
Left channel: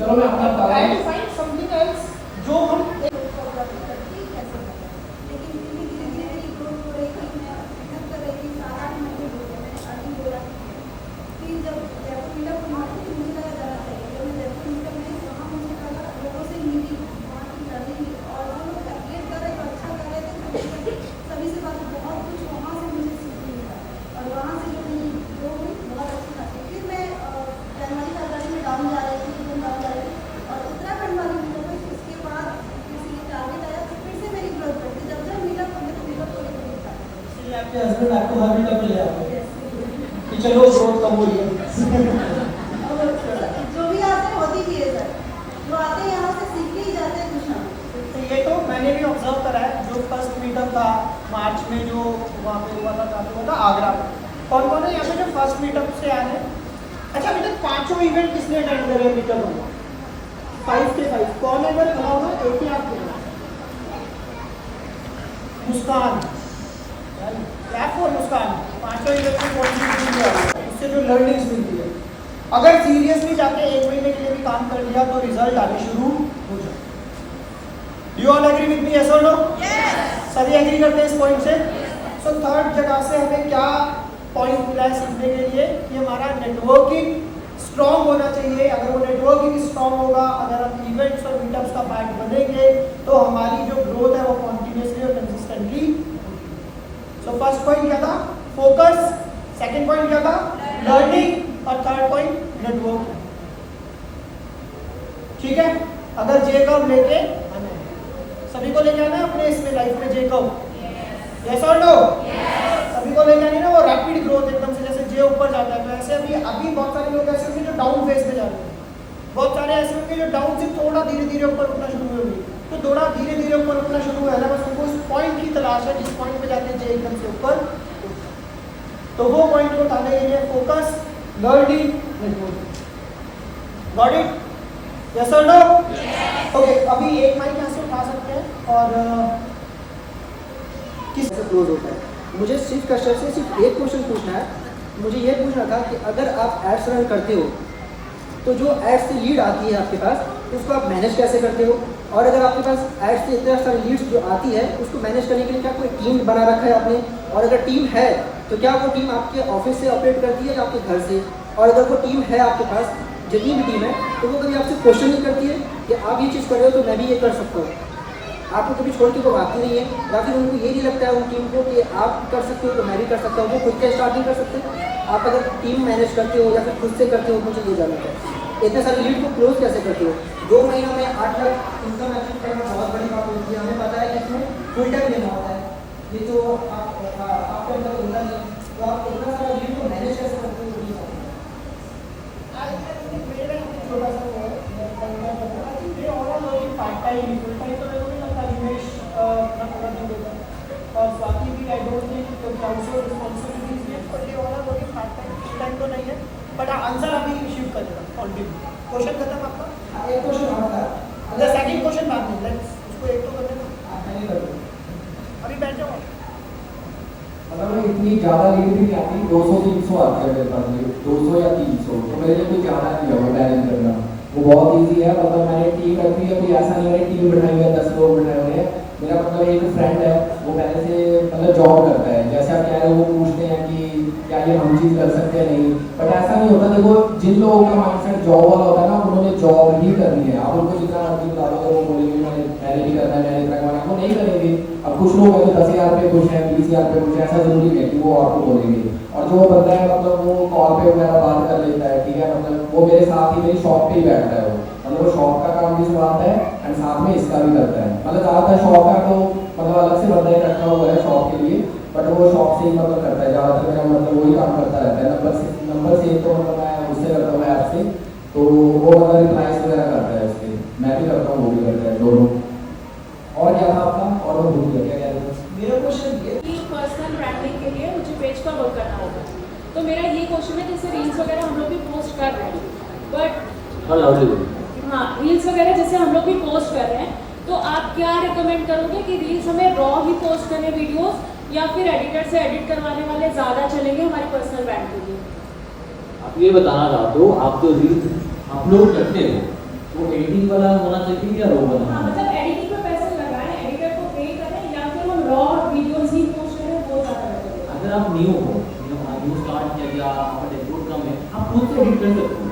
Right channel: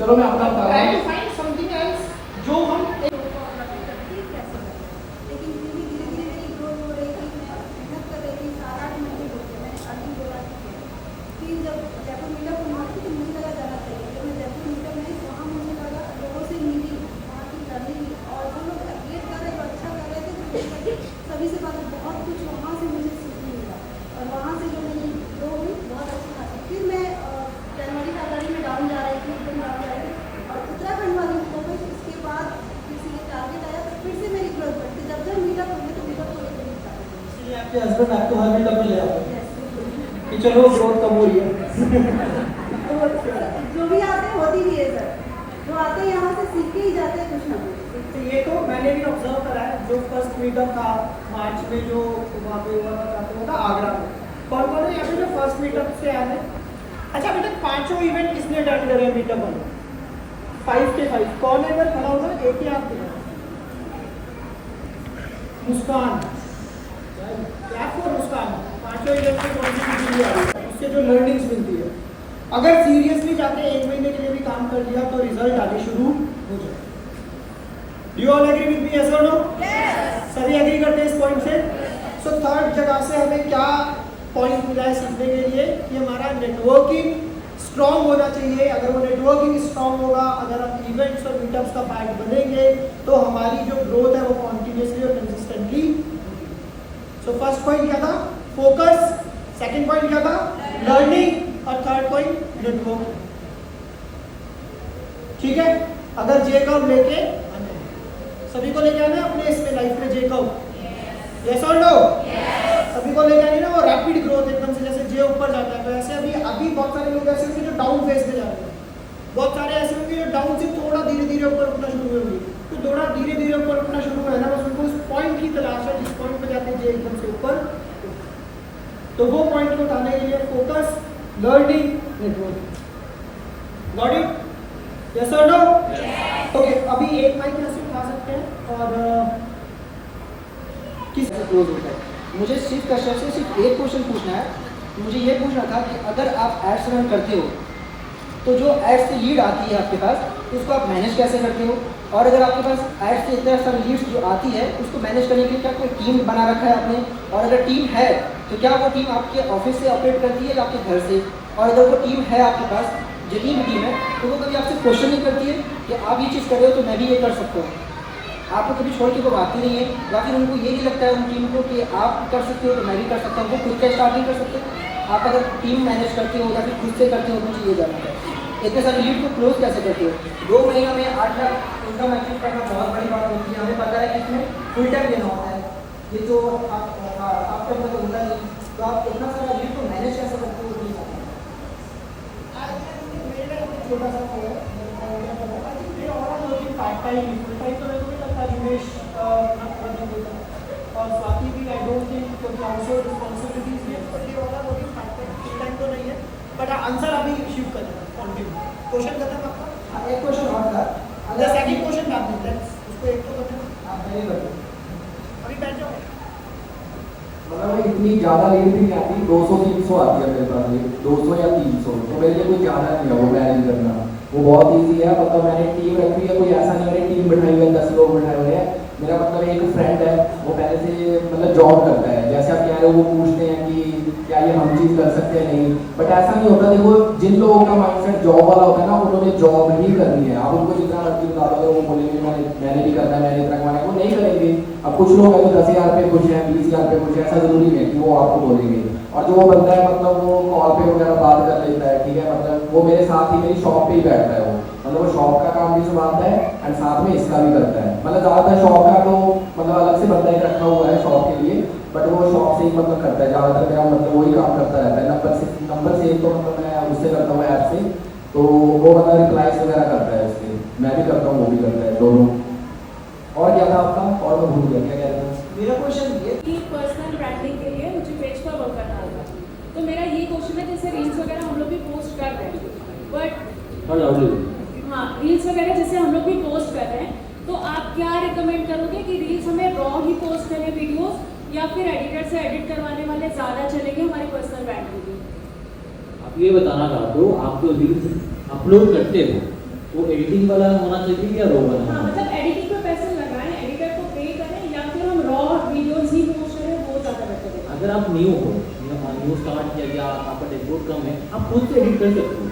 चलो मैं अपना बता रहा ट्राई हूँ। टू फाइंड समथिंग एल्स जो हम लेकिन धीरे धीरे मेरी ग्रोथ हो रही थी, मैं मेहनत कर रही थी, 7-8 महीने हो गए मैंने अर्निंग हो रहा थी। फिर जब जयपुर मीटअप हुआ तो मुझे लगा जाना चाहिए, जब मैं जयपुर मीटअप में वहाँ मुझे लगा लोगों से मिली, वहाँ की लर्निंग और जो लोग एप्रिएट कर रहे थे, अच्छा कर रहे थे, सभी से बात बहुत कुछ वहाँ से मुझे सीखने मिला। और वहाँ से जो मेरी ग्रो हुई बहुत अच्छी खासी। फिर मैं जनवरी-फरवरी में डाउन जा रही थी, एकदम डाउन जा रही थी, और उत्तराखंड वाली मीटअप हुई, उसके बाद फिर से ये टारगेट आया, तो फिर से मेरी ग्रोथ बढ़ी। जब मीटअप होंगे तो मीटअप को लेकर मिलता है। इसलिए आपके हस्बैंड आपको हर मीटअप में ले आते हैं कि चलो ग्रोथ कम हुई है। जो भी आते हैं होती भी है सर, जो आते हैं यहाँ से सीख के ही जाते हैं कुछ ना कुछ। तो ये तो मैंने भी ऑब्जर्व करा है, जो फर्स्ट मीटअप था मार्च में जो वहाँ पे हुआ था आगरा में, कौन कौन है यहाँ पे जो फर्स्ट मीटअप से आए हैं? अच्छा अभी तक 5 इवेंट किसने अटेंड करे हैं मीटअप में? 5 के 5 कौन है अगर खड़ा होगा? एक ही आप मुस्कान, क्लैप फॉर मुस्कान। 5 इवेंट में कॉन्ट्रीब्यूशन किया है, इससे जो लर्निंग्स मिलती है, अगर सीरियसली जाके 1 महीने के लिए भी काम कर लिया तो रिजल्ट आने शुरू हो जाए। You all agree with me, yes और नो? यस। सभी एग्री करते हैं इस पॉइंट से? सो थर्ड जगह से हमें क्या पॉइंट मिला है सीखने के लिए कि हमारा नेटवर्किंग स्ट्रॉन्ग होना चाहिए। अगर वो नेटवर्किंग स्ट्रॉन्ग होगा, अगर हम इवेंट्स और मीटअप्स का पार्ट बनेंगे तो हमारी जो ग्रोथ है वो कॉन्टिन्यूसली और कंसिस्टेंटली। सो फर्स्ट पॉइंट क्या था? फोकस। सेकंड पॉइंट क्या था? लर्निंग। और थर्ड पॉइंट नेटवर्क। ठीक है, अगर जे कर्व लेके आना है, सभी को लेके आना है अपने इसमें लाइफ में जे कर्व। यस और नो? सभी को लेके आनी ना वो रैपिड ग्रोथ एकदम से, जैसे जे ऊपर जाता है तो ऐसे अभी बहुत सारे लोग ऐसे होंगे जो डाउन फेज पे जाते हैं, बहुत सारे ऐसे होंगे जो डाउन से थोड़ा धीरे धीरे ऊपर उठना शुरू होंगे। तो थोड़ा धीरे धीरे ऊपर उठना शुरू हुआ है ना, बस उनको इस पॉइंट की तलाश है जिस पॉइंट पे जाते हैं जे एकदम से ऊपर। तो वो पॉइंट को उठाने के लिए focus, learning, networking. Got it? Yes और नो? ओके, अभी एक माइक यहाँ से उठा सकते हैं और किस क्लोज होता है। मुझे सिर्फ कश्यप से सिर्फ एक क्वेश्चन पूछना है। मुझे ये पूछना था कि अगर आप एड्स रन करते हो तो जो एड्स से लीड आती है आपके पास, तो उसको आप मैनेज कैसे करते हो? और अगर आपके पास एड्स से इतना सारा लीड्स जो आती है उसको मैनेज करने के लिए क्या कोई टीम बना रखा है आपने? और अगर टीम है तो क्या वो टीम आपके ऑफिस से ऑपरेट करती है या आपके घर से? और अगर वो टीम है आपके पास, जितनी भी टीम है, तो वो कभी आपसे क्वेश्चन नहीं करती है कि आप ये चीज़ कर रहे हो तो मैं भी ये कर सकता हूँ? आपको कभी छोड़ के वो भागती नहीं है, या फिर उनको ये नहीं लगता है उन टीम को कि आप कर सकते हो तो मैं भी कर सकता हूँ? वो खुद का स्टार्ट नहीं कर सकते? आप अगर टीम मैनेज करते हो या फिर खुद से करते हो, मुझे ये जानना है। इतने सारे लीड को क्लोज कैसे करते हो? 2 महीनों में 8 लाख इनकम अचीव करना बहुत बड़ी बात होती है। हमें पता है कि इसमें फुल टाइम देना होता है, ये जो आपके अंदर होता है, तो आप इतना सारा लीड को मैनेज कैसे करते हो? छोटा सा पार्ट टाइम फुल टाइम तो मेरे को नहीं लगता निवेश और बाकी भी आई डोंट थिंक क्योंकि आउटसोर्स रिस्पांसिबिलिटीज है, बट ये वाला वो भी पार्ट टाइम फुल टाइम तो नहीं है। बट आंसर अभी शिफ्ट करेगा कंटिन्यू। क्वेश्चन खत्म आपका? एक क्वेश्चन और था, अगर सेकंड क्वेश्चन बाद में लेट्स उसको एक तो करने दो। हां, मैं कर दूं, अभी बैठ जाओ। मतलब मैं इतनी ज़्यादा लीड भी नहीं आती, 200-300 आती है मेरे पास, 200 या 300, तो मेरे लिए कोई ज़्यादा नहीं है वो मैनेज करना, वो बहुत ईजी है। मतलब मैंने टीम रखी है, कोई ऐसा नहीं है टीम बिठाई हुई है 10 लोग बिठाए हुए हैं। मेरा मतलब एक फ्रेंड है, वो पहले से मतलब जॉब करता है, जैसे आप कह रहे हो वो पूछते हैं कि क्या ये हम चीज़ कर सकते हैं नहीं, बट ऐसा नहीं होता। देखो जिन लोगों का माइंडसेट जॉब वाला होता है ना, उन्होंने जॉब ही करनी है। आप उनको जितना मर्जी बता दो, वो बोलेंगे मैंने नहीं करना, मैंने इतना कमाना, वो नहीं करेंगे। अब कुछ लोग हैं तो 10,000 पे खुश हैं, 20,000 पे खुश हैं, ऐसा जरूरी है कि वो आपको बोलेंगे। और जो वो बंदा है मतलब वो कॉल पे वगैरह बात कर लेता है, ठीक है, मतलब वो मेरे साथ ही मेरी शॉप पे ही बैठता है, वो मतलब वो शॉप का काम भी संभालता है एंड साथ में इसका भी करता है। मतलब ज़्यादातर शॉप का तो मतलब अलग से बंदा ही रखा हुआ है शॉप के लिए, बट वो शॉप से ही मतलब करता है ज़्यादातर, मेरा मतलब वही काम करता रहता है। नंबर से तो मतलब मैं उससे करता हूँ ऐप से, तो वो मतलब रिप्लाइज वगैरह करता है उसके, मैं भी करता हूँ वो भी करता है, दोनों। और क्या था आपका, और मैं भूल गया क्या कह रहे थे। मेरा क्वेश्चन ये कि पर्सनल ब्रांडिंग के लिए मुझे पेज का वर्क करना होगा, तो मेरा ये क्वेश्चन है, जैसे रील्स वगैरह हम लोग भी पोस्ट कर रहे हैं, बट हाँ रील्स वगैरह जैसे हम लोग भी पोस्ट कर रहे हैं, तो आप क्या रिकमेंड करोगे कि रील्स हमें रॉ ही पोस्ट करें वीडियोस, या फिर एडिटर से एडिट करवाने वाले ज़्यादा चलेंगे हमारी पर्सनल ब्रांड के लिए? आप ये बताना चाहते हो, आप जो रील्स अपलोड करते हो तो एडिटिंग वाला होना चाहिए या रो हाँ वाला? मतलब एडिटिंग पे पैसे लगाएं, एडिटर को पे करें, या फिर हम रॉ वीडियोस ही पोस्ट करें, वो ज़्यादा बेहतर है। अगर आप न्यू हो, न्यू स्टार्ट किया गया, आपका डेवलप कम है, आप खुद से एडिट कर सकते हो।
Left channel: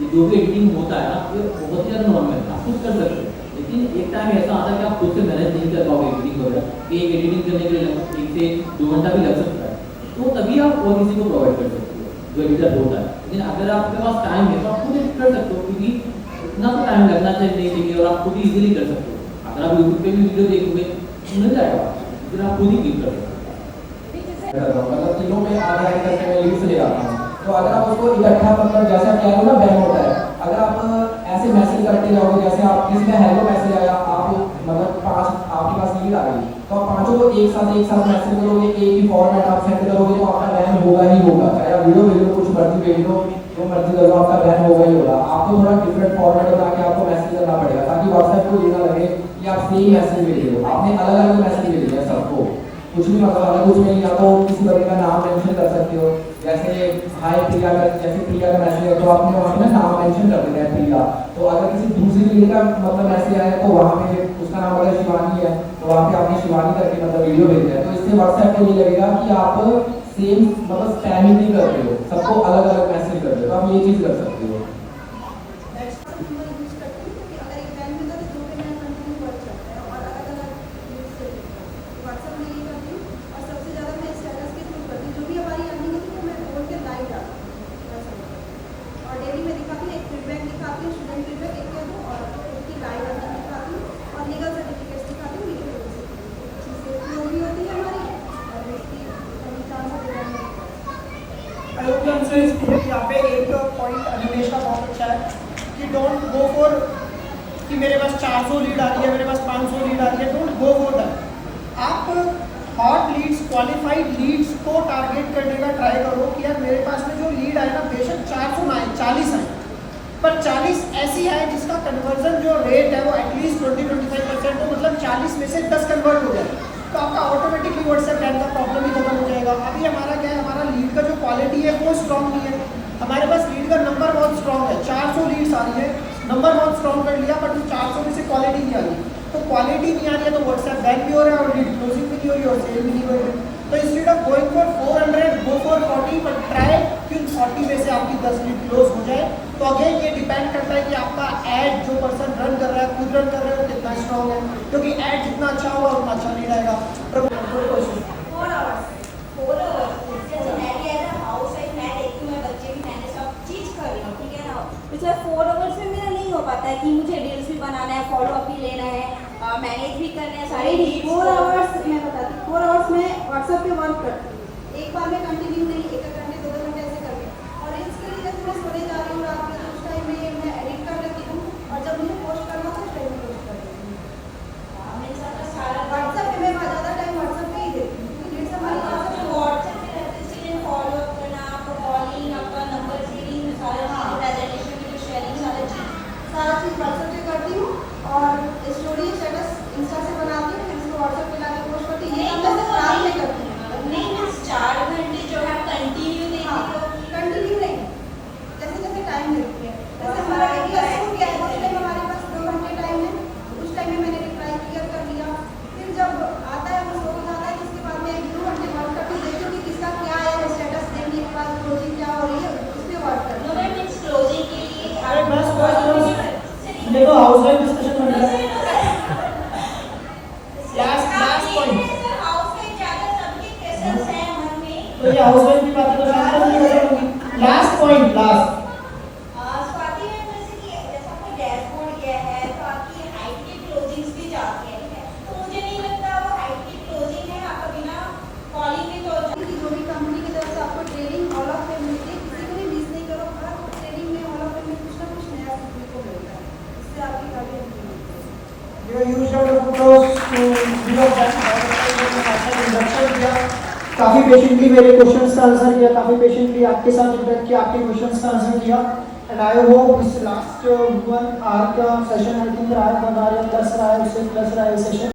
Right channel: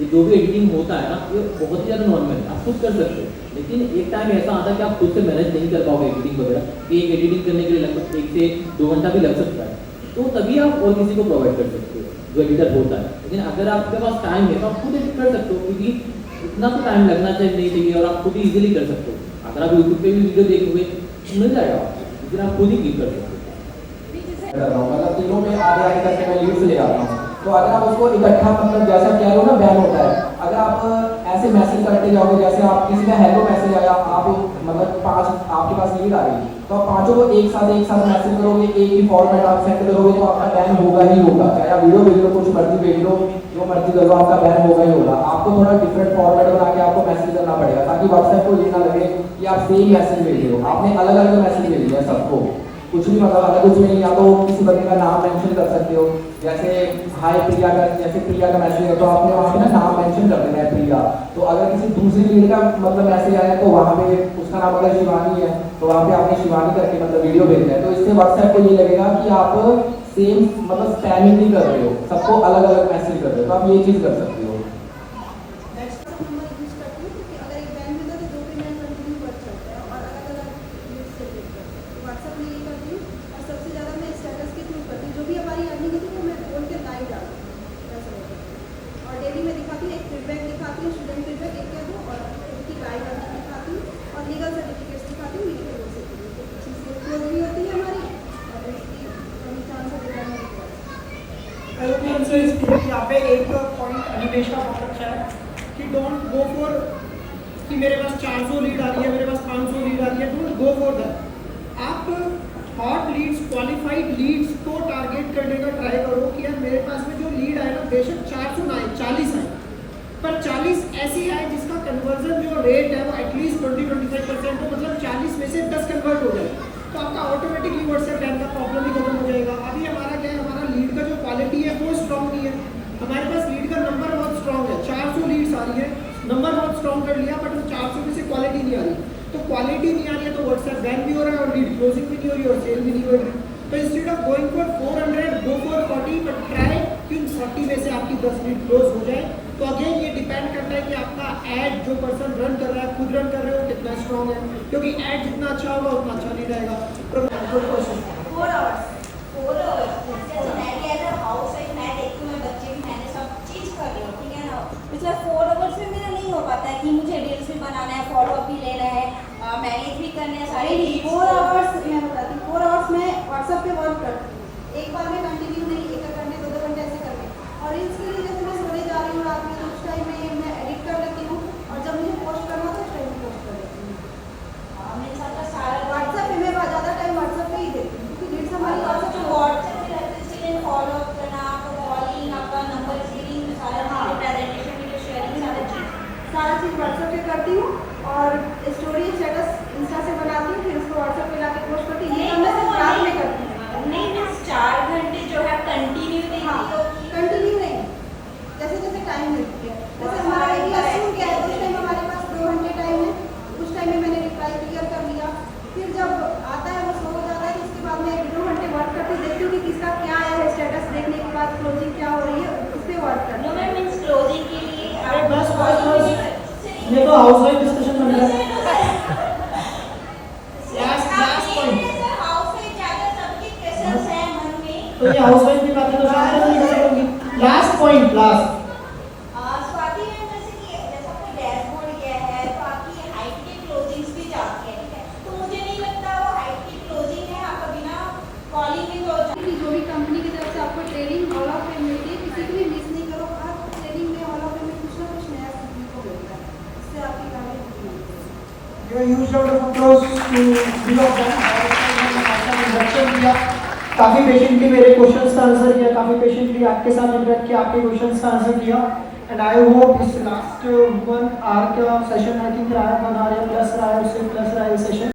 ये जो भी एडिटिंग होता है ना, ये बहुत ही ज़्यादा नॉर्मल है, आप खुद कर सकते हो। लेकिन एक टाइम ऐसा आता है कि आप खुद से मैनेज नहीं कर पाओगे एडिटिंग वगैरह, कि एक एडिटिंग करने के लिए लगभग 1 से 2 घंटा भी लग सकता है, तो तभी आप और किसी को प्रोवाइड कर सकते हो जो एडिटर होता है। लेकिन अगर आपके पास टाइम है तो आप खुद एडिट कर सकते हो, क्योंकि इतना तो टाइम लगना चाहिए नहीं चाहिए, और आप खुद ही इजीली कर सकते हो। अगर आप यूट्यूब पे भी वीडियो देखोगे मिल जाएगा, लेकिन आप खुद ही क्लिक कर सकते हो। मतलब तीनों में आगे आगे करके मैं लीड से ले जाता हूँ। तो अगर आप उसको इकट्ठा मतलब जैसे आप कह रहे हो ना बैन होता है, अगर आप ऐसे मैसेज करते जाओगे, जैसे आप किसी का हेलो मैसेज आया, आप मतलब 5 आपके पास लीड आ गई, तो आप पांचों को एक साथ मैसेज करोगे, एक ही फॉर्मेट आप सेंड करोगे, तो आपका बैन होगा ही होगा। चाहे आप वीडियो भेज लो, कुछ मर्जी भेज लो, जो मर्जी करो, आपका बैन होगा ही होगा। आपको थोड़ा डिफरेंट फॉर्मेट बना के आपको मैसेज करना पड़ेगा, ताकि व्हाट्सएप को ये ना लगे कि आप सेम मैसेज भेज रहे हो, आपने अलग अलग मैसेज भेज दिया सबको। कुछ भी मतलब अगर कुछ नहीं, या तो किसी बंदे का नाम मेंशन कर सकते हो, जैसे हाय प्रिया का, जैसे प्रिया का मैसेज है तो आपने वहाँ पे ना नाम मेंशन कर देना है प्रिया। तो अगर किसी दूसरी लीड का मतलब मैसेज आया तो वहाँ पे उसका नाम अगर शिवानी है, तो वहाँ पे आपने शिवानी करके मतलब वीडियो भेजा है, तो इससे व्हाट्सएप पे ये लगेगा कि आप सेम मतलब स्पैमिंग नहीं कर रहे हो, सबको अलग अलग मैसेज कर रहे हो। तो आप ये चीज़ कर सकते हो। WhatsApp नंबर यूज करती हूँ, क्योंकि अगर एक बैंक मिलता है तो 2 पे मेरा कंटिन्यू वर्क चलता है, और अलग अलग यूज से व्हाट्सएप में ये करती हूँ। और सबसे ज़्यादा मैं स्टेटस के थ्रू करती हूँ, जो भी हमारी अर्निंग होती है मैं बोल के लाइव डालती हूँ। और डेली में दिखाती हूँ, एक फीडबैक दिखाती हूँ, स्टूडेंट फीडबैक एक या दो, और उनकी लाइव अर्निंग दिखाती हूँ, और लीगल सर्टिफिकेट्स दिखाती हूँ। लीगल चीज़ें फ्लो भी होती है हमारी, और इसकी कमी चांस है। I hope you answer is clear. यहाँ पे एक पॉइंट निमेश का बहुत अच्छा है कि डोंट गो फॉर कि मेरे पास 400 लीड आ रही है, मेरे पास 500 लीड आ रही है, डोंट गो फॉर दैट। आप हॉट लीड्स, क्वालिफाइड लीड्स को टारगेट करने का ट्राई करो कि यार मेरे पास में जो लीड आए ना, बेशक 400 ना आए, 40 आए, पर 40 ऐसी है जिसका कन्वर्जन जो रेट है वो एटलीस्ट 20-25% हो, मतलब 40 में से 10 कन्वर्ट हो जाए, तो आपका ऑटोमेटिकली व्हाट्सएप बैन का प्रॉब्लम ही खत्म हो जाएगा। अभी हमारा क्या है, हमारा लीड का जो क्वालिटी है वो स्ट्रॉन्ग नहीं है, हमारे पास लीड का नंबर बहुत स्ट्रॉन्ग है, 400 लीड्स आ रही है, नंबर बहुत स्ट्रॉन्ग कर लिया, बट 400 में से क्वालिटी नहीं आ रही। तो क्वालिटी नहीं आ रही है तो व्हाट्सएप बैन भी हो रहा है, और लीड क्लोजिंग भी नहीं हो रही है, और सेल भी नहीं हो रही है। तो instead of going for 400 go for 40, but try कि 40 में से आपकी 10 लीड क्लोज हो जाए। तो अगेन ये डिपेंड करता है कि आपका ऐड जो पर्सन रन कर रहा है, खुद रन कर रहे हो, कितना स्ट्रॉन्ग है, क्योंकि ऐड जितना अच्छा होगा उतना अच्छा लीड आएगा। 4 आवर्स जैसे मैं भी एज अ हाउस वाइफ मैं देखती हूँ, मैं बच्चे भी मैंने सब चीज़ कर रही हूँ, ठीक है ना। पिछले 4 आवर्स में मेरा नहीं हो पाता है कि मुझे रील्स भी बनाना है, फॉलो अप भी लेना है, मैनेज भी करना है सारे। 4 आवर्स मैं बताती हूँ, 4 आवर्स में व्हाट्सएप पे वर्क करती हूँ, एक बार में कंटिन्यू नहीं, 1 घंटे 2 घंटे ऐसे करके। और रील्स के लिए जैसे मैं सोने जा रही हूँ रात में, तो उस टाइम में मैं एडिट कर लेती हूँ, और जब मुझे पोस्ट करना तो उस टाइम पोस्ट कर लेती हूँ। व्हाट्सएप पे मैं ज़्यादा टाइम व्हाट्सएप पे ही देती हूँ। तो ये हाउसवाइफ की बातें तो शायद नहीं कर पाऊंगी। Last point, last Swati ma'am, जैसे कि जैसा आपका डैशबोर्ड गया है तो आपकी हाइट की क्लोजिंग्स भी जाती है, ठीक है, तो मुझे नहीं लगता वो हाइट की क्लोजिंग है, आपका बिना कॉलिंग की क्लोजिंग जो भी कंपनी की तरफ से आपको ट्रेनिंग हॉल ऑफ फेम मिलती है, किसी को भी मिस नहीं करो, हर ट्रेनिंग में हॉल ऑफ फेम में कुछ ना कुछ नया सीखने को मिलता है, इससे आपकी काफी अच्छी मिलती है। ये use out of close to introduction किया, काफी पेशेंटली मेरे क्वेश्चंस का आंसर किया, काफी पेशेंटली आपके साथ इंटरेक्ट किया, आपके क्वेश्चंस का आंसर किया, एंड आई होप इस लास्ट 1 आवर का सेशन आई थिंक रहा है, 1 आवर प्लस रहा है, उससे प्लस रहा है सेशन।